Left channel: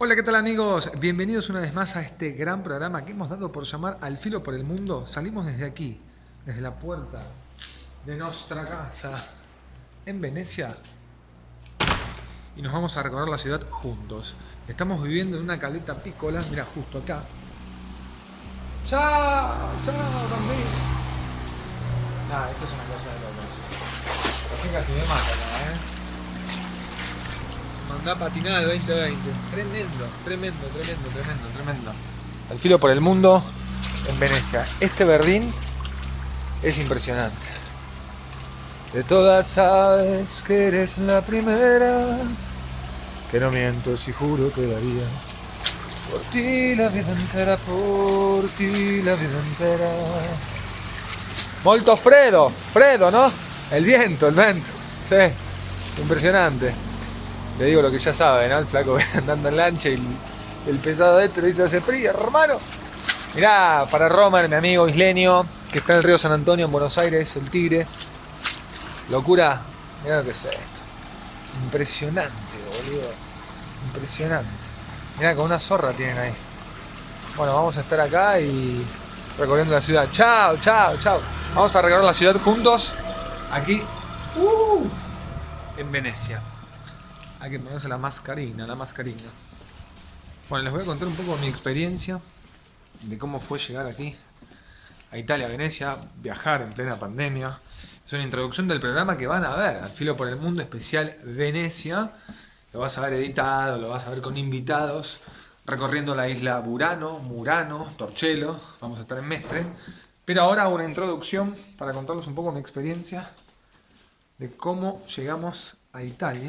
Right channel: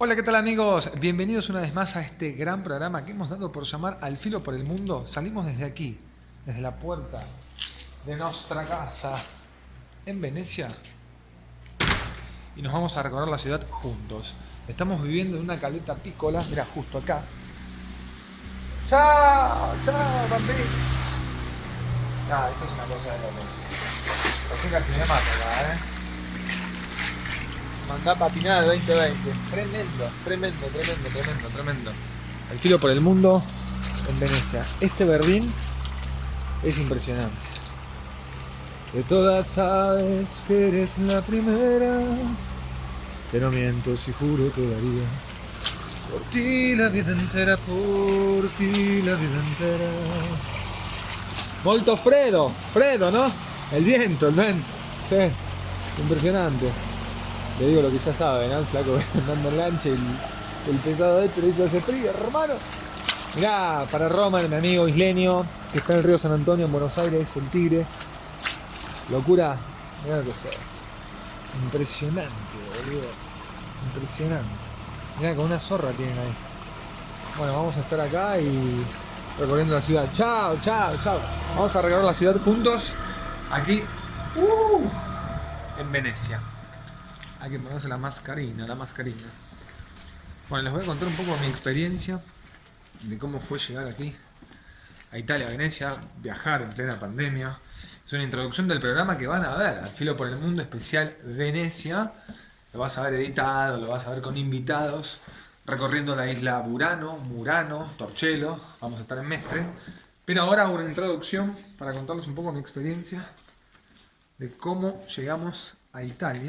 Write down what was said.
Hola, ¿qué tal amigos? Bienvenidos una vez más a este gran programa que hemos dado por llamar Al Filo por el Mundo. Salimos desde aquí, desde la puerta de nuestra casa en Venecia y nos vamos a recorrer la ciudad juntos. Estamos viviendo en una caleta pícola, mira, justo acá. ¡Chao! ¡Chao, banderita! Nah, esto es una cosa de locos. Así casi me mata acá, Mandá patinada 2020. Tremendo. Al Filo por el Mundo en Venecia. Este Berlín es impresionante. De todas sabes que eres la primera, que no miento si juro todavía. Por ti la vida entera, por ti la vida entera. Molto Fredo, ¿no? El vento. Sí, impresionante. Le digo lo que ya sabe, ¿no? El flaco andando en lancha y el pesado este le dice: hace frío, hermano. Mirá, para Roman, mi amigo isleño, que está en el río San Antonio, en Buenos Aires, el Tigre. Locura, mirá lo que es esto. Impresionante, boludo. Impresionante. Mirá, con una zorra tienen ahí. Bueno, vamos a estar acá y recorriendo la ciudad. Chao. Vamos a recorrer la ciudad juntos. Aquí, en Venecia. Hay que ponerse la mascarina. Bueno, les voy a contar un poco de mi experiencia, de cómo fue llegar aquí, a Italia, a Venecia, viajar en plena pandemia. Es una introducción del programa que van a ver, Al Filo por el Mundo especial Venecia. Lo vas a ver editado, lo vas a ver con invitados, recorriendo la isla Murano, Torcello, vamos a estar en Mestre. Pero ahora hago una introducción para contarles un poco mi experiencia de cómo llegamos a Italia.